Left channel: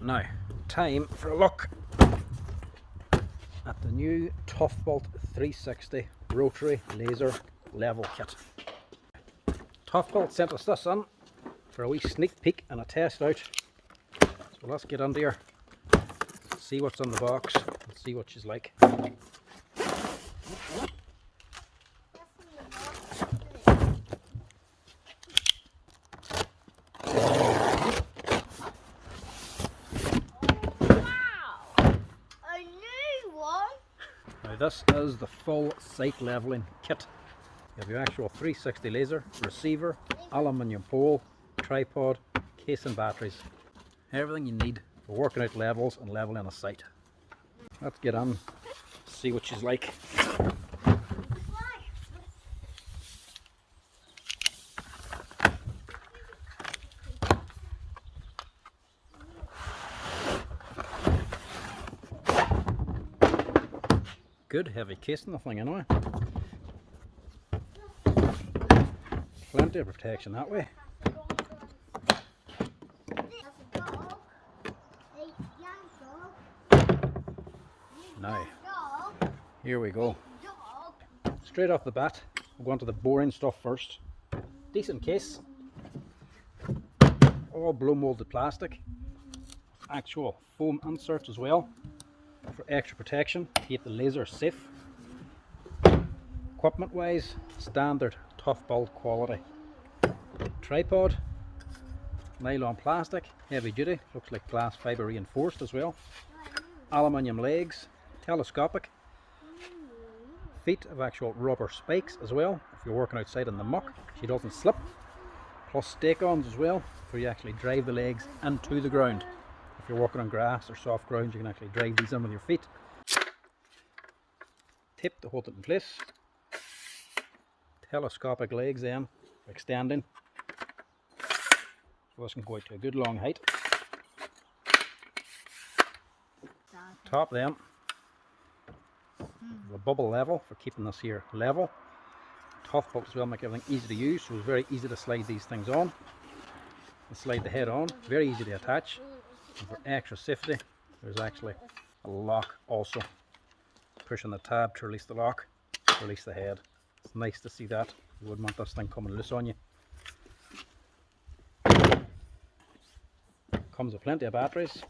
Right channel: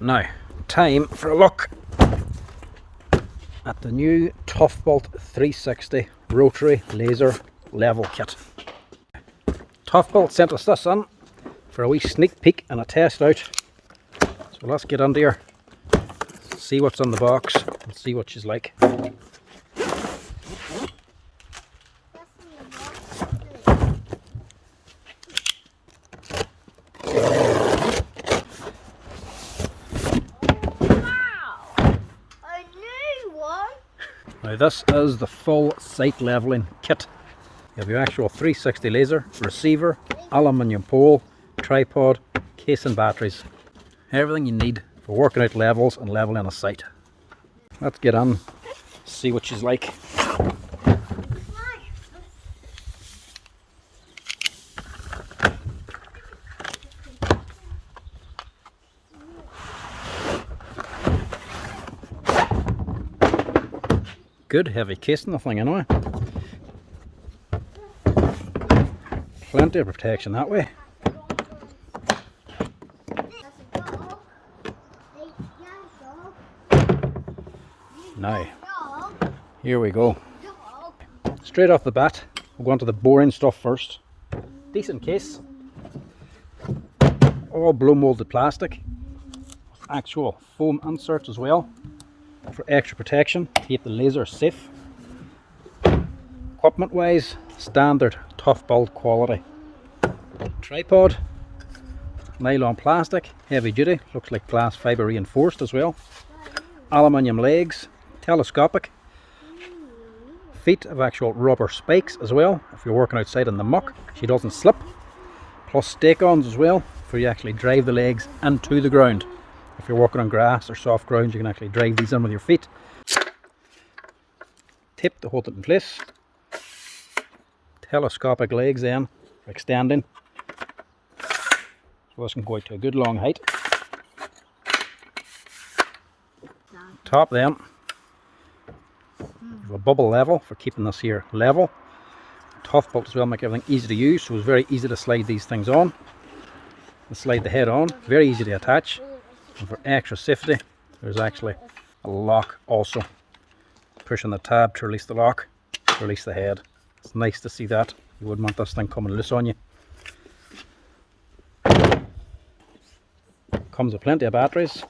Now, time for a look at the new Toughbuilt 360 rotary laser level kit. Toughbuilt sent us this in for a wee sneak peek and a test out. So let's get under here, see what's in the box and see what she's like. Now this is the full site leveling kit. You have your actual 360 laser, receiver, aluminium pole, tripod, case and batteries. Everything you need for working out levels and leveling a site. Let's get on, see what she's like. Good heavy case in the thing anyway. Plenty of protection that way. Now, here we go. Straight off the bat, we'll go on to the boring stuff first. Decent case. All blow molded plastic. Actual foam inserts as well, for extra protection, keep the laser safe. Equipment wise, standard Toughbuilt quality. Tripod, nylon plastic, heavy duty, looks like glass fibre reinforced as well. Aluminium legs, telescopic. Feet of actual rubber spikes as well, if you're working outside in the muck, she doesn't slip. Plus stake-ons as well, for you actually drive the legs into the ground. If you're walking on grass or soft ground, you can actually drive these in with your feet. Tape to hold it in place. Telescopic legs then, for extending. So this can go out to a good long height. Top then, you have a bubble level for keeping this here level. Toughbuilt as well, make everything easy to use, so it's very easy to slide these things on. And slide the head on, very easy to attach. And for extra safety, there's actually a lock also. Pushing the tab to release the lock, to release the head. It's nice to see that. You wouldn't want this thing coming loose on you. Comes with plenty of batteries,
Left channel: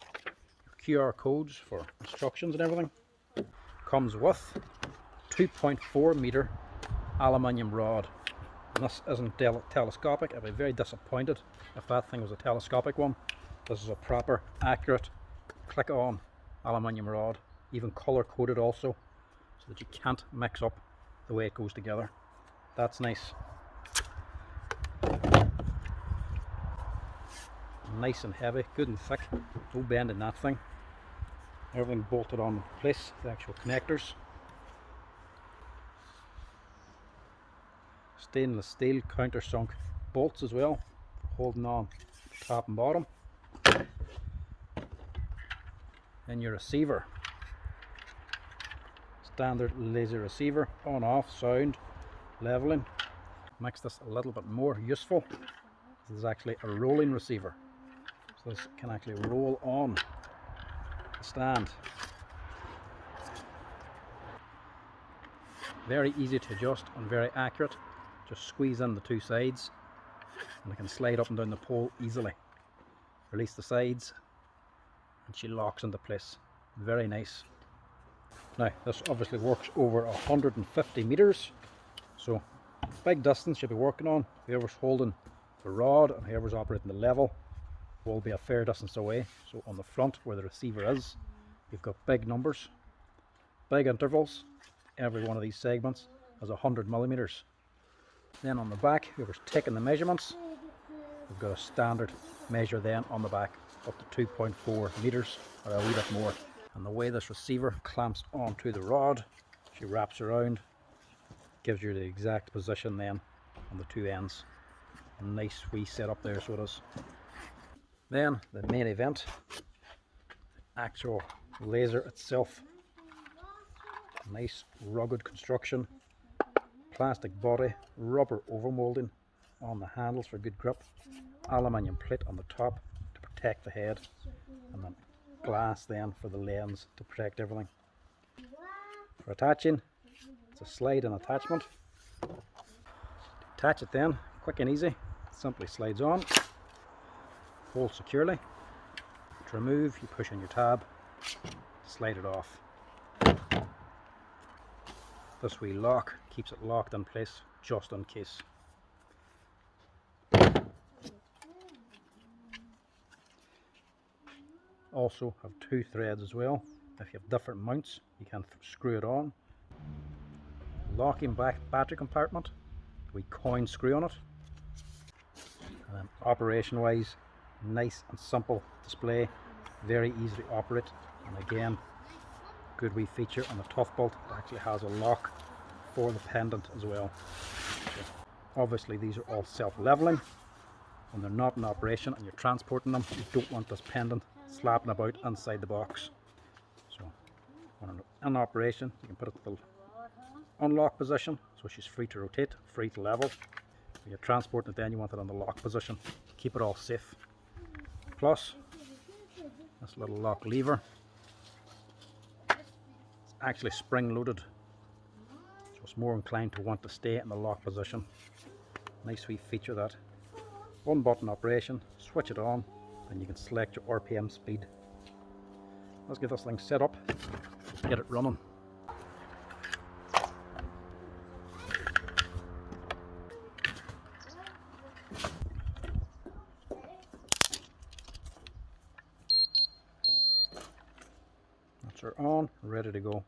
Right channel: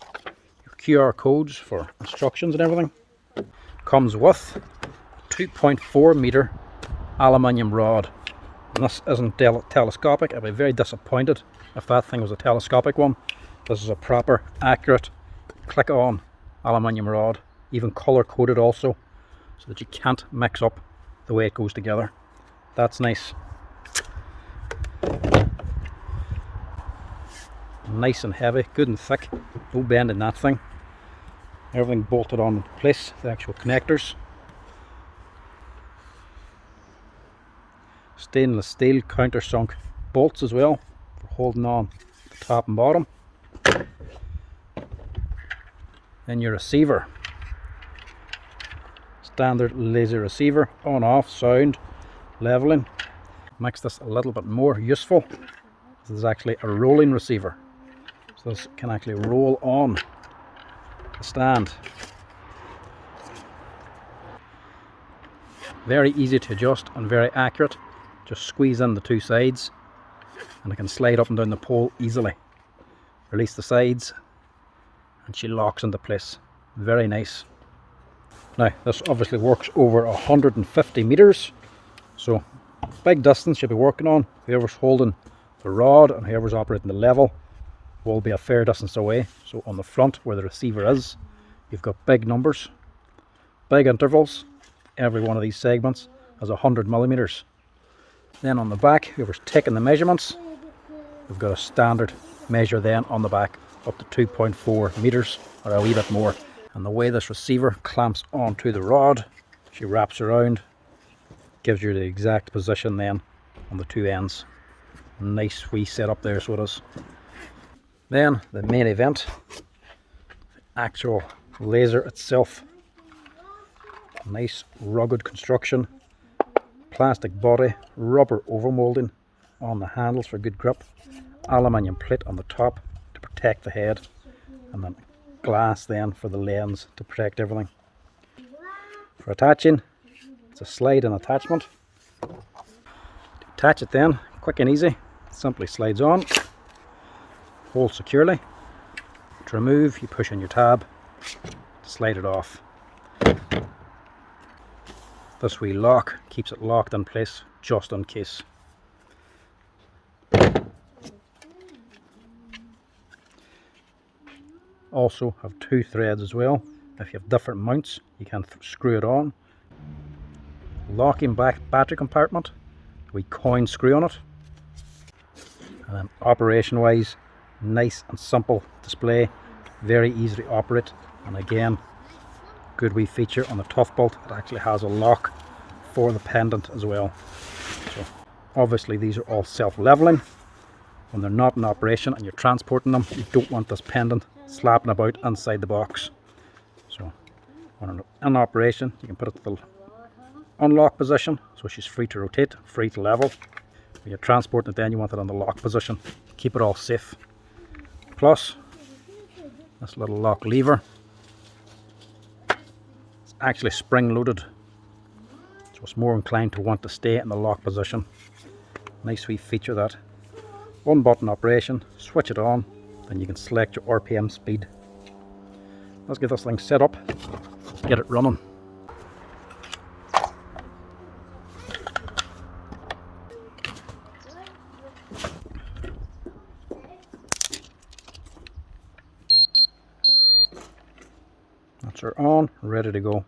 your QR codes for instructions and everything. Comes with 2.4 meter aluminium rod. And this isn't telescopic. I'd be very disappointed if that thing was a telescopic one. This is a proper, accurate, click-on aluminium rod, even colour-coded also, so that you can't mix up the way it goes together. That's nice. Nice and heavy, good and thick, no bend in that thing. Everything bolted on in place, the actual connectors. Stainless steel countersunk bolts as well, for holding on the top and bottom. Then your receiver, standard laser receiver, on off, sound, leveling. Makes this a little bit more useful. This is actually a rolling receiver, so this can actually roll on the stand. Very easy to adjust and very accurate. Just squeeze in the two sides and it can slide up and down the pole easily. Release the sides and she locks into place. Very nice. Now this obviously works over 150 meters, so big distance you'll be working on. Whoever's holding the rod and whoever's operating the level will be a fair distance away. So on the front where the receiver is, you've got big numbers, big intervals. Every one of these segments has 100 millimeters. Then on the back, whoever's taking the measurements, we've got a standard measure then on the back, up to 2.4 meters or a wee bit more. And the way this receiver clamps onto the rod, she wraps around, gives you the exact position then on the two ends. Nice wee setup there, so it is. Then the main event, the actual laser itself. Nice rugged construction, plastic body, rubber overmoulding on the handles for good grip, aluminium plate on the top to protect the head. and then glass then for the lens to protect everything. For attaching, it's a slide and attachment. To attach it then, quick and easy, simply slides on, holds securely. To remove, you push on your tab, slide it off. This wee lock keeps it locked in place just in case. Also have two threads as well. If you have different mounts, you can screw it on. Locking back battery compartment, we coin screw on it. And then operation wise, nice and simple display, very easy to operate, and again, good wee feature on the Toughbuilt, it actually has a lock for the pendant as well. So obviously these are all self-leveling. When they're not in operation and you're transporting them, you don't want this pendant slapping about inside the box. So when in operation, you can put it to the unlock position, so she's free to rotate, free to level. When you're transporting it then, you want it on the lock position, keep it all safe. Plus this little lock lever, it's actually spring loaded, so it's more inclined to want to stay in the lock position. Nice wee feature that. One button operation, switch it on, then you can select your RPM speed. Let's get this thing set up, get it running. That's her on, ready to go.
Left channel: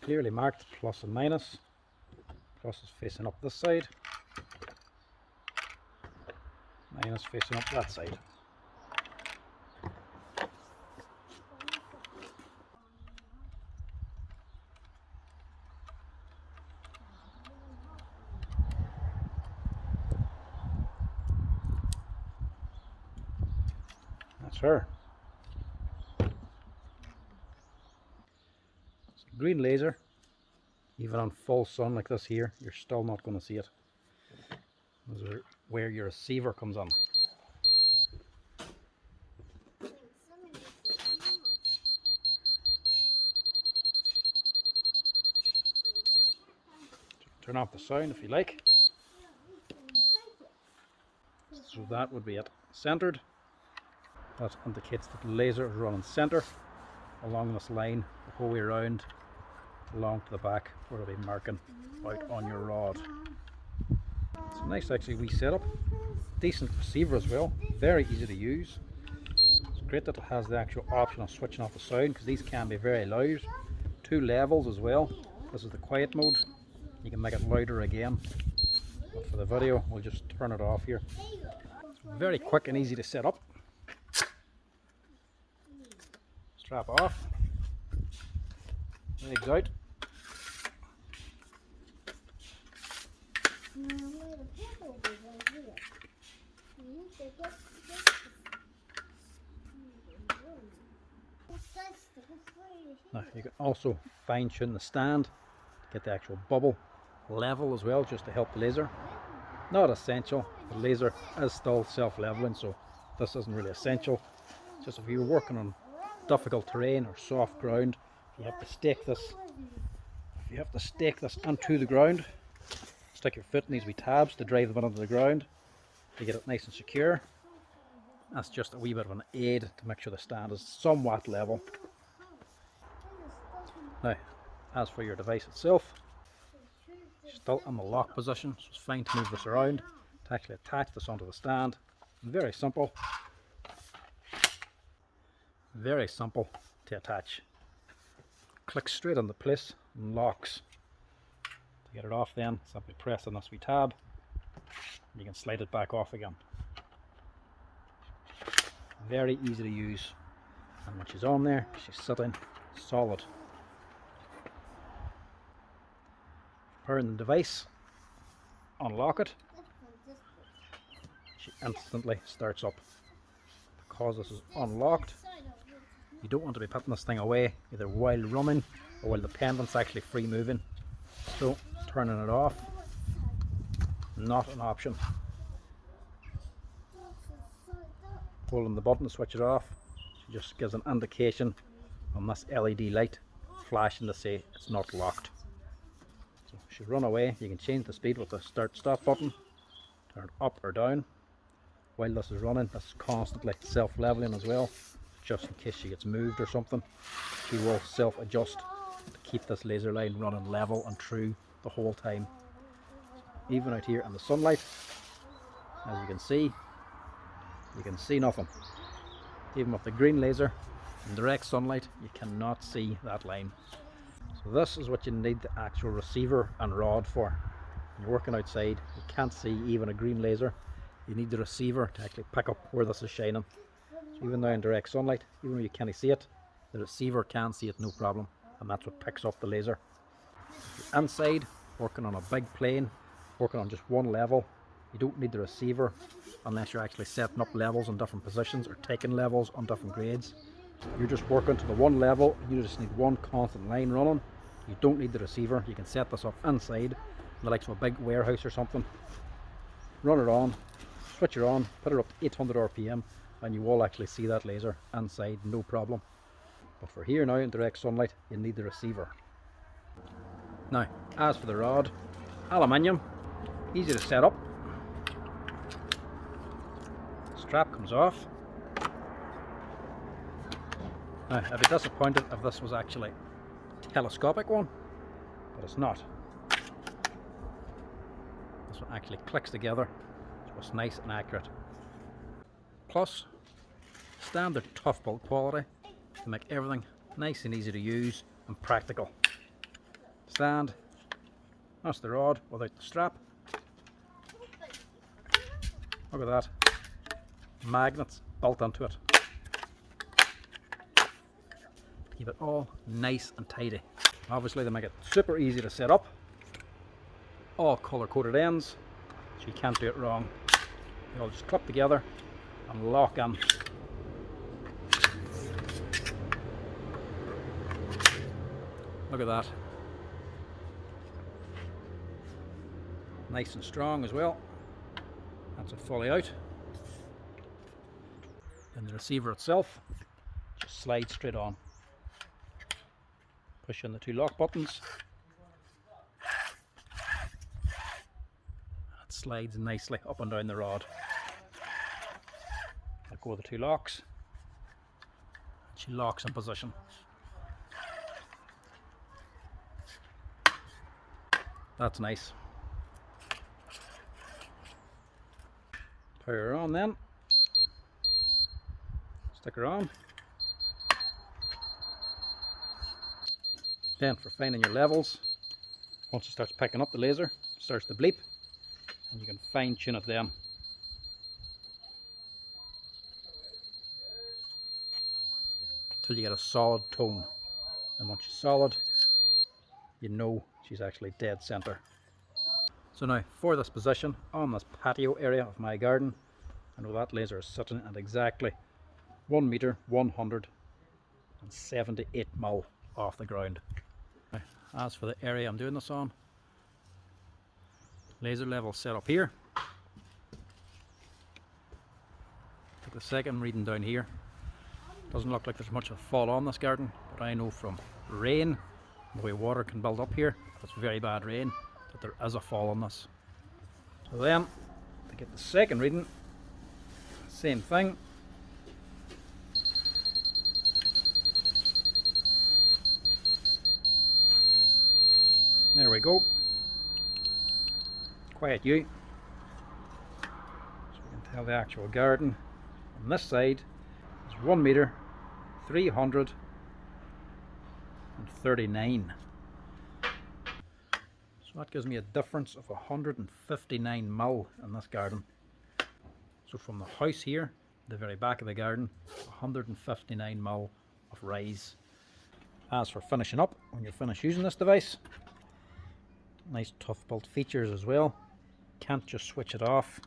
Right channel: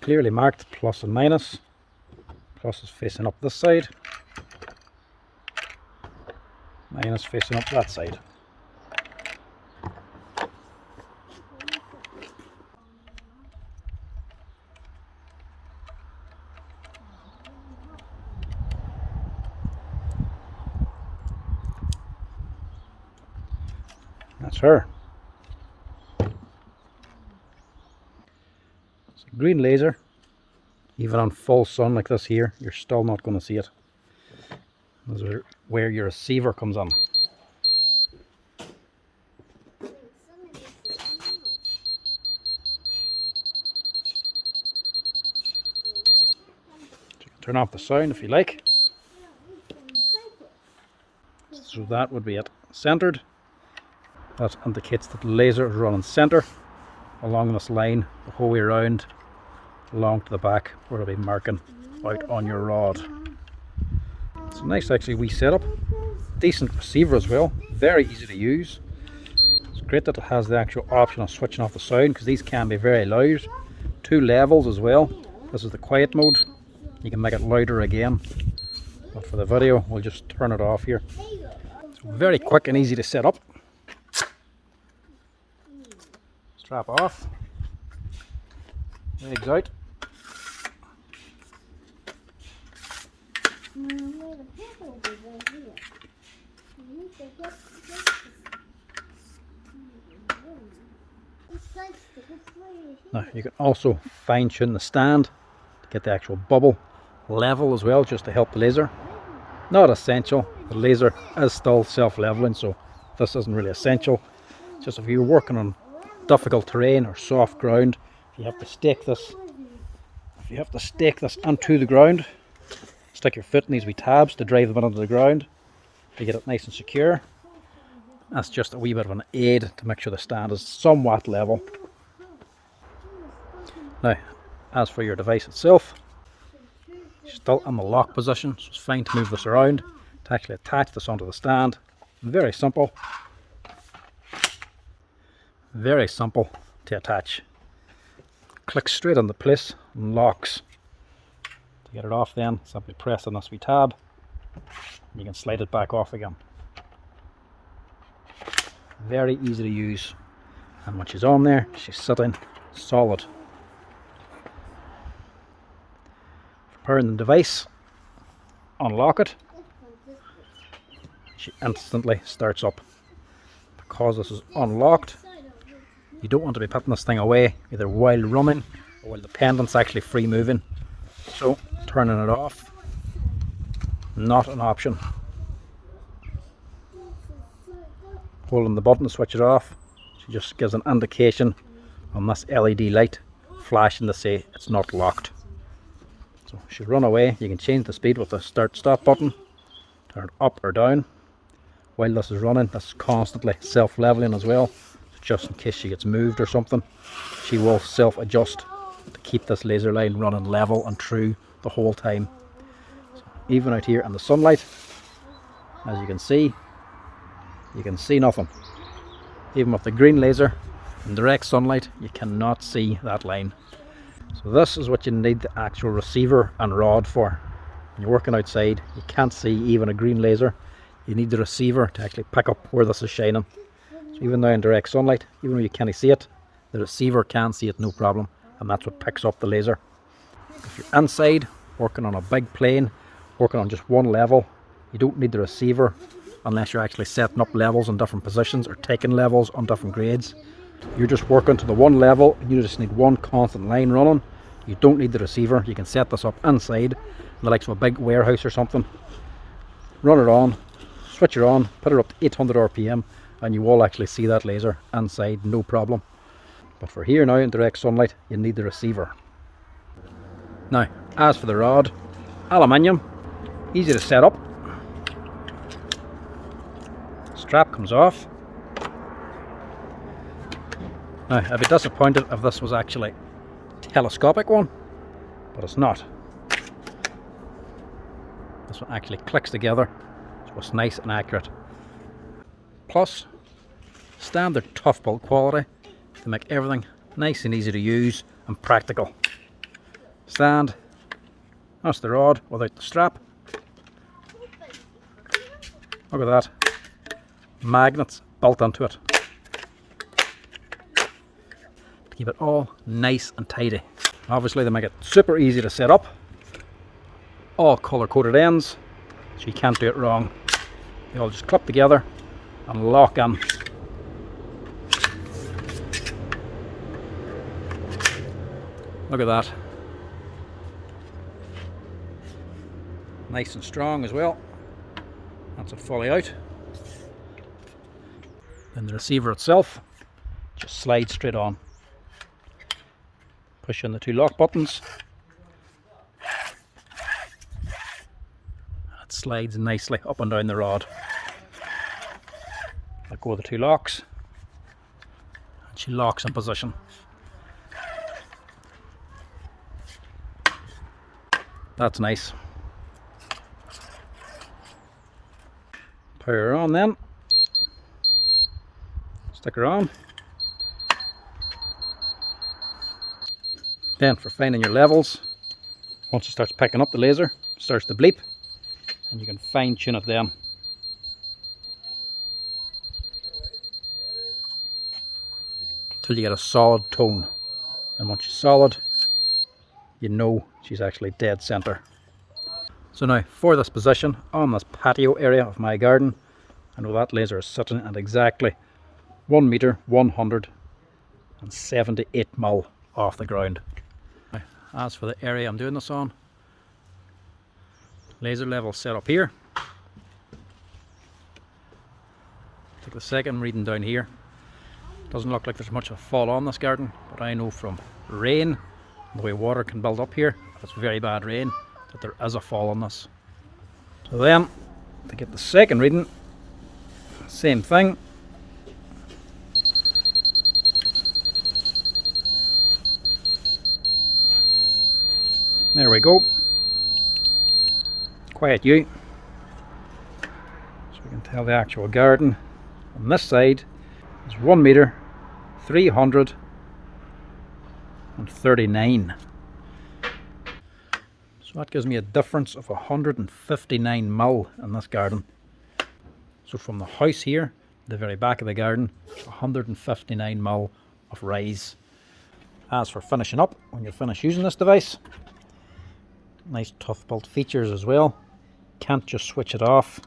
Clearly marked plus and minus. Plus is facing up this side, minus facing up that side. That's her. It's a green laser. Even on full sun like this here, you're still not going to see it. Those are where your receiver comes on. You can turn off the sound if you like. So that would be it. Centered. That indicates that the laser is running center along this line the whole way around, along to the back where it'll be marking out on your rod. It's a nice actually wee setup, decent receiver as well, very easy to use. It's great that it has the actual option of switching off the sound, because these can be very loud. Two levels as well. This is the quiet mode, you can make it louder again, but for the video we'll just turn it off here. It's very quick and easy to set up. Strap off, legs out. Now you can also fine tune the stand to get the actual bubble level as well, just to help the laser. Not essential, the laser is still self-leveling, so this isn't really essential. Just if you're working on difficult terrain or soft ground, you have to stake this. If you have to stake this onto the ground, stick your foot in these wee tabs to drive them into the ground to get it nice and secure. That's just a wee bit of an aid to make sure the stand is somewhat level. Now, as for your device itself, it's still in the lock position, so it's fine to move this around to actually attach this onto the stand. Very simple. Very simple to attach. Clicks straight into place and locks. To get it off then, simply press on this wee tab. You can slide it back off again. Very easy to use. And when she's on there, she's sitting solid. powering the device, unlock it, she instantly starts up. Because this is unlocked, you don't want to be putting this thing away either while running or while the pendant's actually free moving. So turning it off, not an option. Holding the button to switch it off, she just gives an indication on this LED light flashing to say it's not locked. So if you run away, you can change the speed with the start stop button, turn it up or down. While this is running, this is constantly self-leveling as well, just in case she gets moved or something. She will self-adjust to keep this laser line running level and true the whole time. So even out here in the sunlight, as you can see nothing. Even with the green laser in direct sunlight, you cannot see that line. So this is what you need the actual receiver and rod for. When you're working outside, you can't see even a green laser. You need the receiver to actually pick up where this is shining. So even now in direct sunlight, even though you can't see it, the receiver can see it no problem, and that's what picks up the laser. If you're inside, working on a big plane, working on just one level, you don't need the receiver unless you're actually setting up levels in different positions or taking levels on different grades. You're just working to the one level, you just need one constant line running. You don't need the receiver. You can set this up inside, the likes of a big warehouse or something. Run it on, switch it on, put it up to 800 RPM, and you will actually see that laser inside, no problem. But for here now in direct sunlight, you need the receiver. Now, as for the rod, aluminium, easy to set up. Strap comes off. Now, I'd be disappointed if this was actually a telescopic one, but it's not. This one actually clicks together, so it's nice and accurate. Plus, standard Toughbuilt quality to make everything nice and easy to use and practical. Stand, that's the rod without the strap. Look at that, magnets built into it. Keep it all nice and tidy. Obviously they make it super easy to set up. All color coded ends, so you can't do it wrong. They all just clip together and lock in. Look at that. Nice and strong as well. That's it fully out. Then the receiver itself just slides straight on. Push in the two lock buttons. It slides nicely up and down the rod. Let go of the two locks, and she locks in position. That's nice. Power her on then. Stick her on. Then for finding your levels, once it starts picking up the laser, it starts to bleep, and you can fine tune it then. Till you get a solid tone. And once she's solid, you know she's actually dead center. So now for this position on this patio area of my garden, I know that laser is sitting at exactly 1 meter 178 mil off the ground. Now, as for the area I'm doing this on, laser level set up here. Take the second reading down here. Doesn't look like there's much of a fall on this garden, but I know from rain, the way water can build up here, if it's very bad rain, that there is a fall on this. So then, to get the second reading, same thing. There we go. Quiet you. So we can tell the actual garden on this side is 1 meter 339. So that gives me a difference of 159 mil in this garden. So from the house here, the very back of the garden, 159 mil of rise. As for finishing up, when you're finished using this device, Nice Toughbuilt features as well. Can't just switch it off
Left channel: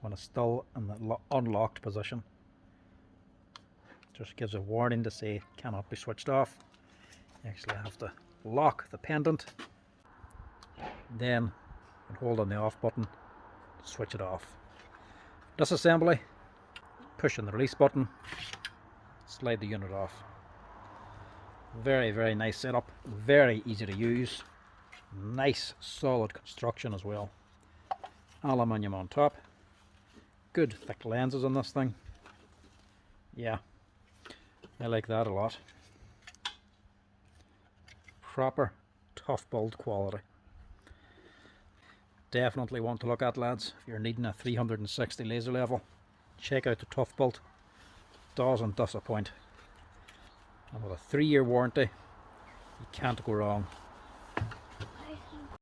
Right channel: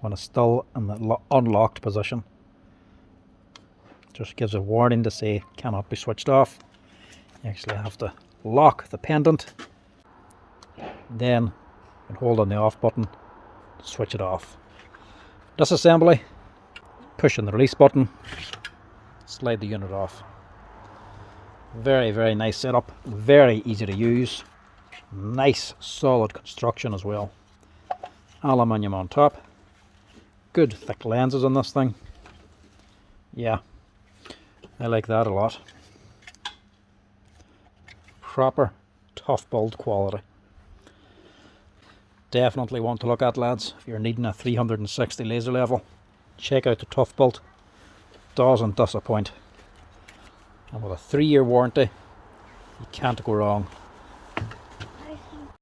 when it's still in the unlocked position. Just gives a warning to say cannot be switched off. You actually have to lock the pendant, then you can hold on the off button to switch it off. Disassembly, push on the release button, slide the unit off. Very, very nice setup, very easy to use. Nice solid construction as well. Aluminium on top. Good thick lenses on this thing. Yeah, I like that a lot. Proper Toughbuilt quality. Definitely one to look at, lads. If you're needing a 360 laser level, check out the Toughbuilt. Doesn't disappoint. And with a 3-year warranty, you can't go wrong.